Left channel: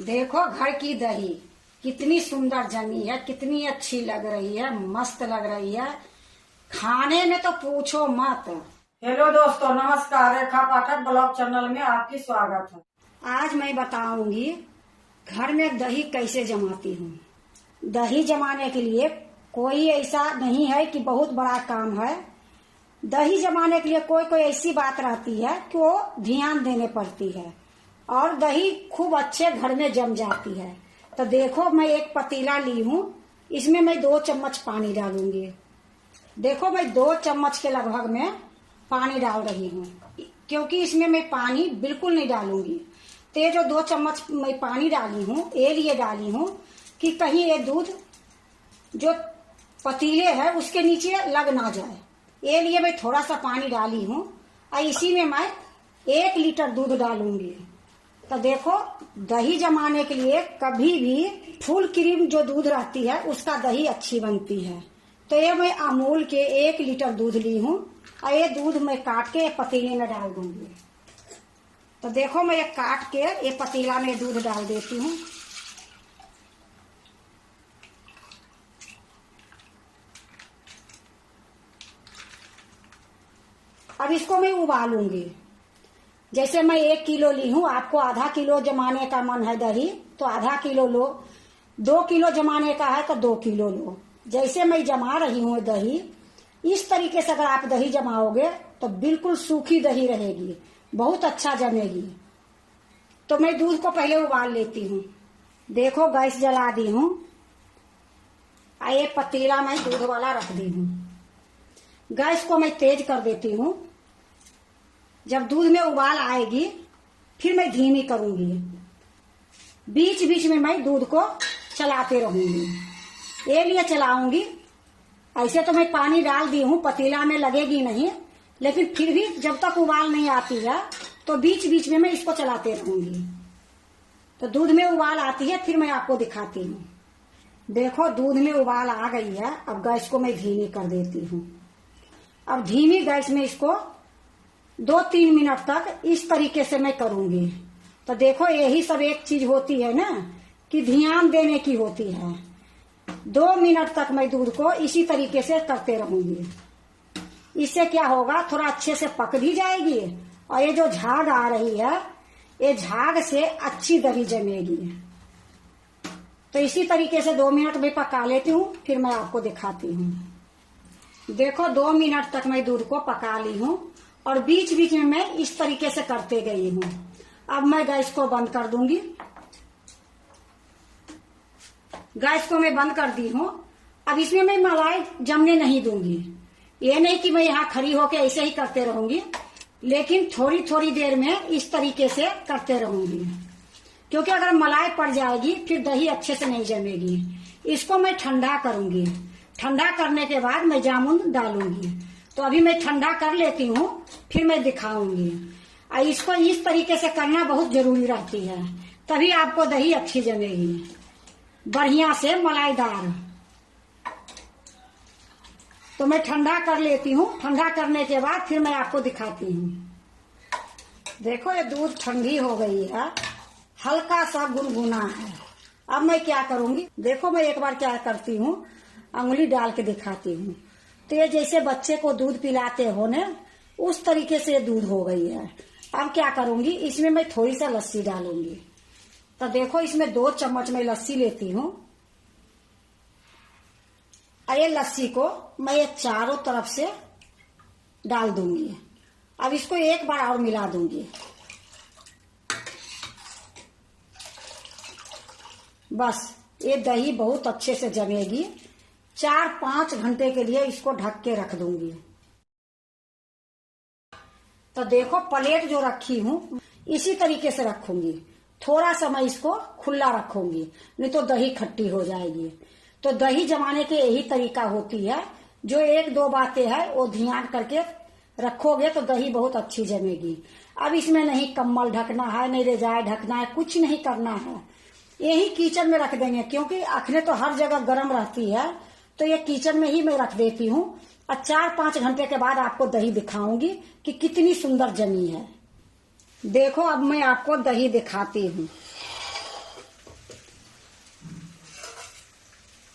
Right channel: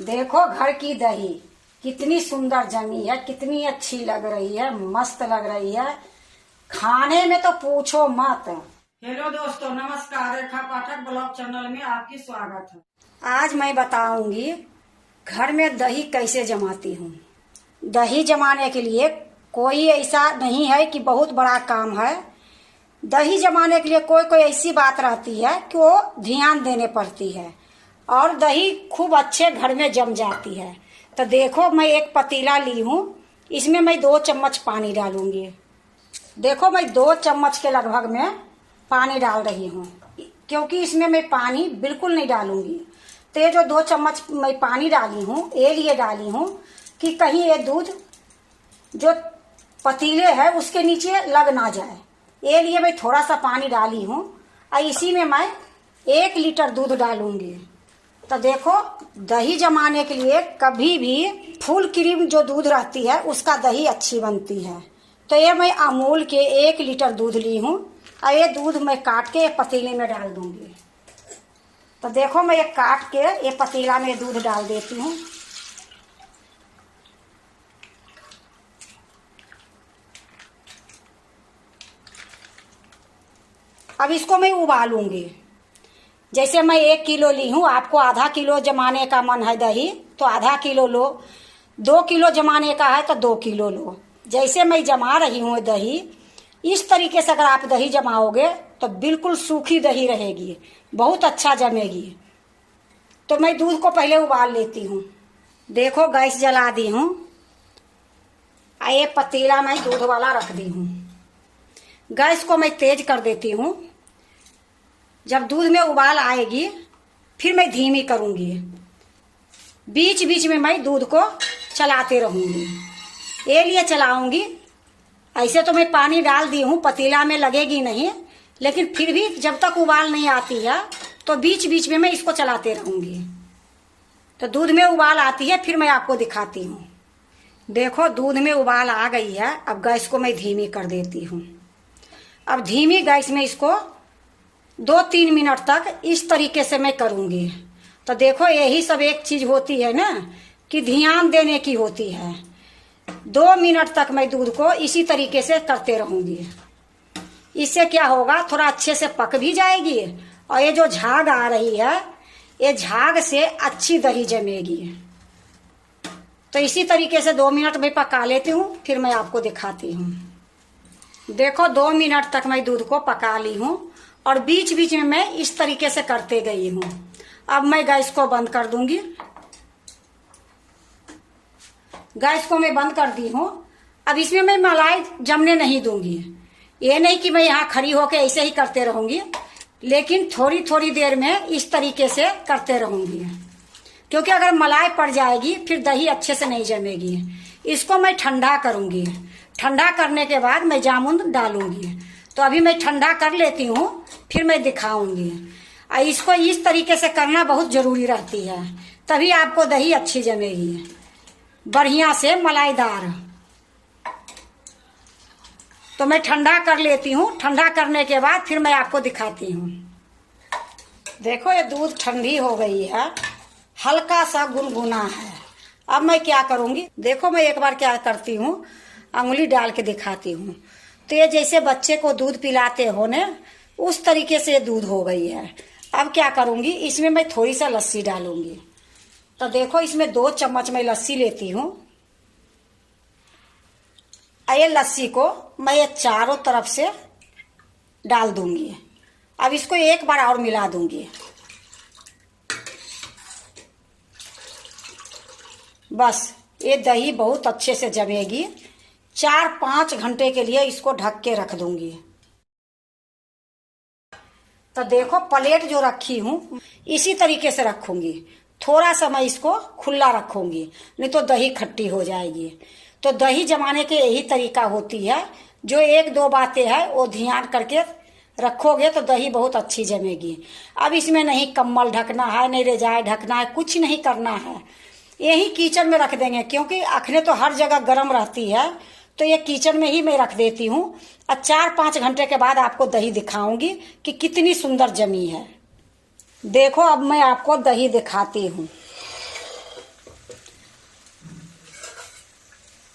देखो घर की दही कितनी सुंदर जमी है, कितनी अच्छी लग रही है, मस्त लग रही है। खाने में तो पूछो मत। हेलो दोस्तों, नमस्कार। रेखा पाठक ब्लॉग चैनल में आपकी स्वागत है। आज मैं बताऊंगी घर में दही कैसे जमाती हूँ। दही जमाने के लिए कोई ऐसा नहीं है कि बहुत बड़ा काम है। दही जमाने के लिए कोई कोई ऐसी बात रहती है कि वो ध्यान देने पड़ती है और दही खूब अच्छे घर में जम जाती है। तो देखो मैं एक पतीला ली हूँ, इसमें मैं 2 चम्मच पानी डालूंगी। देखो मैं 2 चम्मच के लगभग में पानी डाल रही हूँ, क्योंकि इसमें मैं पानी बिल्कुल नहीं डालूंगी। तो ये जो 2 चम्मच मैं पानी डाली हूँ, ये लिए डाली हूँ कि कहीं ये दूध जो पतीले है उसके नीचे लग ना जाए, ये लिए मैं थोड़ा सा पानी डाली हूँ। और इसी में मैं 1 लीटर दूध डालूंगी। तो देखो दही जमाने के लिए कभी भी फुल क्रीम जो दूध रहती है उसका दही अच्छी बनती है। तो ये मैं अमूल के 1 लीटर दूध ली हूँ और ये दूध मैं काट के पतीले में डाल दूंगी। तो देखो मैं ये काट के ये पतीला में दूध डाल देती हूँ। अब इसको मैं उबालूंगी। जैसे मैं 1 किलो ली हूँ, आपको आधा किलो जमाने का मन है दही तो आधा किलो लो, 2 किलो जमाने का है तो 2 किलो लो। जैसे मैं जमा रही हूँ दही, इस तरीके से अगर आप दही जमाओगे तो बिल्कुल सूखी दही रहेगी, बहुत अच्छा जमेगी। तो मैं दूध को पहले उबाल लेती हूँ। देखो गैस जला दी हूँ, ये पतीला मैं दूध वाला रख दी हूँ। गैस को मैं तेज कर देती हूँ। जब दूध में उबाल आएगी फिर मैं धीमी करूंगी। बीच बीच में मैं दूध को चलाते रहूंगी, ये लिए चलाऊंगी। ऐसे तो मैं पानी डाल दी हूँ, पतीला में लगेगी नहीं, लेकिन फिर भी जब तक उबाल नहीं आती है तो बीच बीच में मैं इसको चलाते रहूंगी। तो दूध में उबाल आती है फिर मैं आपको दिखाती हूँ। देखो दूध में उबाल आ गई है। अब गैस को मैं धीमी कर देती हूँ। अब धीमी गैस में इसको 2-3 मिनट तक इस तरीके से मैं करूंगी। तो देखो यही सब एक चीज होती है ना कि ध्यान देने की होती है। 2 मिनट तक मैं दूध को इसी तरीके से करते रहूंगी। इससे क्या होगा, थोड़ा अच्छे से पक भी जाएगी और ये जो झाग आ रही है, ये झाग से अच्छी दही जमेगी। तो इसी तरीके से 2 मिनट में पका लेती हूँ, फिर मैं आपको दिखाती हूँ। देखो 2 मिनट तक मैं दूध को पका ली हूँ और बीच बीच में मैं इस तरीके से करते गई हूँ। अब मैं गैस को बंद कर दूंगी। गैस को मैं बंद कर दी हूँ। अब इसमें मैं मलाई जमने नहीं दूंगी। ये नहीं कि मैं यहाँ खड़ी होके ऐसे ही करते रहूंगी, लेकिन थोड़ी थोड़ी देर में इस तरीके से करते रहूंगी, क्योंकि अगर मलाई पड़ जाएगी फिर दही अच्छे से नहीं जमेगी। इसको मैं ठंडा करूंगी। ठंडा करने के बाद मैं जामुन डालूंगी। तो अभी मैं ठंडा कर लेती हूँ, फिर मैं दिखाऊंगी। और इसको इस तरीके से करना बहुत जरूरी रहती है, तभी आपको दही अच्छी जमेगी, बढ़िया से मलाईदार। तो मैं ठंडा कर लेती हूँ। ठंडा करने के बाद फिर मैं आपको दिखाती हूँ। देखो ये दूध ठंडी हो गई है, हल्का सा गुनगुना है। अब मैं क्या करूंगी, देखो मैं एक बार क्या करती हूँ, अंगुली डाल के दिखाती हूँ। तो ये जैसे बच्चे को दूध पिलाते हो ना, उस तरीके से दूध हो गई है। अब क्या करूंगी, इसमें मैं थोड़ी सा लस्सी डालूंगी। तो देखो इसमें 2 चम्मच मैं लस्सी लेती हूँ। ये लस्सी को मैं ये चारों तरफ से डाल दूंगी। अब इसको एक बार और मिला दूंगी। बस ये दही बहुत अच्छे से जमेगी। 4-5 घंटे के लिए इसको ढक के रख दूंगी। तो देखो प्लेट जो रखी हूँ इसी तरीके से रखूंगी। थोड़ा सा मैं इसको खुला रखूंगी, नहीं तो दही खट्टी हो जाएगी। तो दही जमाने के यही तरीका होती है। जो 1-2 बातें हैं वो ध्यान करके रखोगे तो दही बहुत अच्छी जमेगी। अब इसमें नहीं कम्बल ढकना है, नहीं रजाई ढकना है, कुछ नहीं करना है। यही किचन में रख देंगे, क्योंकि अखने तो हर जगह गर्म रहती है। तो ये किचन में ही मैं रख देती हूँ और 4-5 घंटे के बाद आपको दही दिखाऊंगी कि कितनी सुंदर जमी है। देखो अब मैं आपको दही दिखाती हूँ।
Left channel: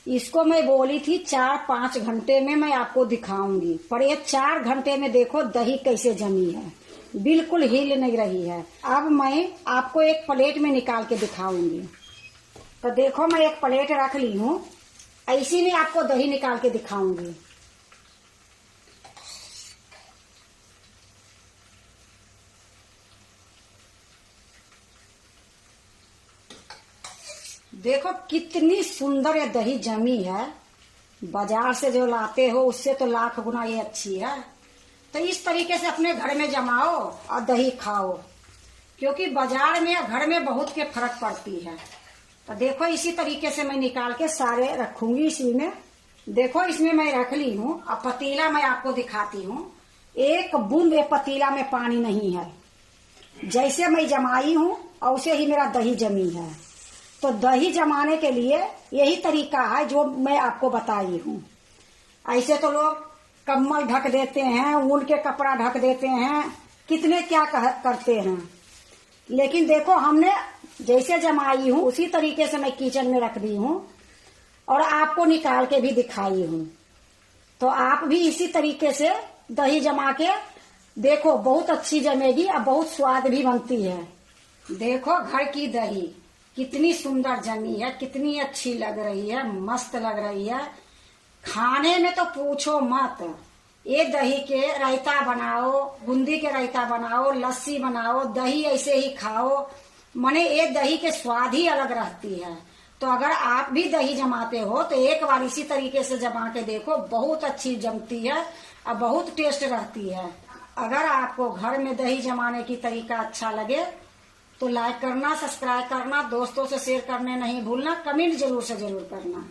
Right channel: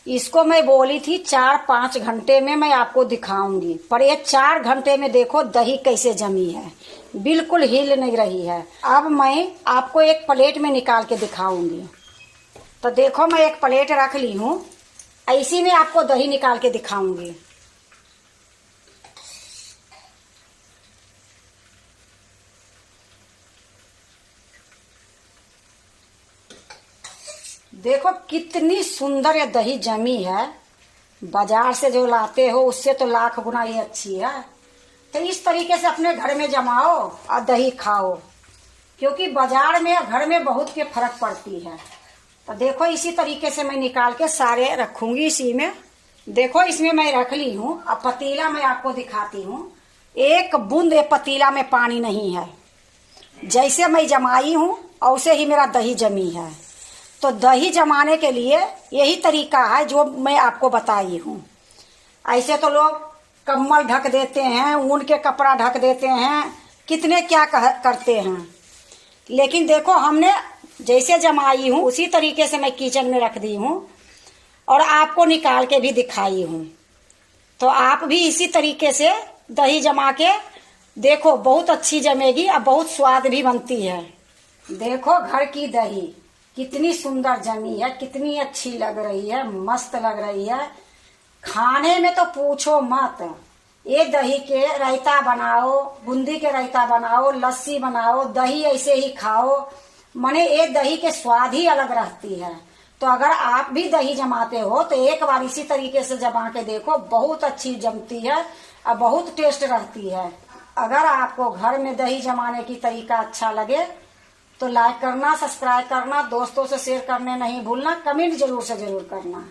इसको मैं बोली थी 4-5 घंटे में मैं आपको दिखाऊंगी, पर ये 4 घंटे में देखो दही कैसे जमी है, बिल्कुल हिल नहीं रही है। अब मैं आपको एक प्लेट में निकाल के दिखाऊंगी। तो देखो मैं एक प्लेट रख ली हूँ, इसी में आपको दही निकाल के दिखाऊंगी। देखो कितनी सुंदर ये दही जमी है। बाजार से जो लाते हो उससे तो लाख गुना ये अच्छी है। तो इस तरीके से अपने घर में जमाओ और दही खाओ, क्योंकि बाजार में घर में बहुत के फर्क पड़ती है। तो देखो इसी तरीके से मैं निकाल के सारे रखूंगी इसी में। देखो इसमें मैं रख ली हूँ। अब पतीला मैं आपको दिखाती हूँ। एक बूंद पतीला में पानी नहीं है। जैसे मैं जमाई हूँ वैसे ही मेरा दही जमी है। तो दही जमाने के लिए यही तरीका है जो मैं आपको बताई हूँ। ऐसे तो लोग कम्बल ढक देते हैं, ऊन के कपड़ा ढक देते हैं, कितने क्या करते हैं। लेकिन देखो हमने जैसे जमाई हूँ उसी तरीके से मैं किचन में रख दी हूँ और आपको निकाल के भी दिखाई हूँ। तो आप भी इसी तरीके से दही जमा के देखो, बहुत अच्छी जमेगी और बहुत स्वाद भी बनती है। देखो घर की दही कितनी सुंदर जमी है, कितनी अच्छी लग रही है, मस्त लग रही है। खाने में तो पूछो मत। ये दही के रायता बनाओ, बूंदी के रायता बनाओ, लस्सी बनाओ, दही ऐसे ही खाओ, मने ये दही के स्वाद ही अलग रहती है। तो अगर आप भी दही जमाते हो तो एक बार इसी तरीके से जमा के देखो, बहुत अच्छी जमती है और बहुत टेस्ट रहती है। अगर आपको घर में दही जमाने की तरीका अच्छा लगे तो लाइक करना, सब्सक्राइब करना, दोस्तों से शेयर करने नहीं भूलना, कमेंट जरूर से जरूर करना।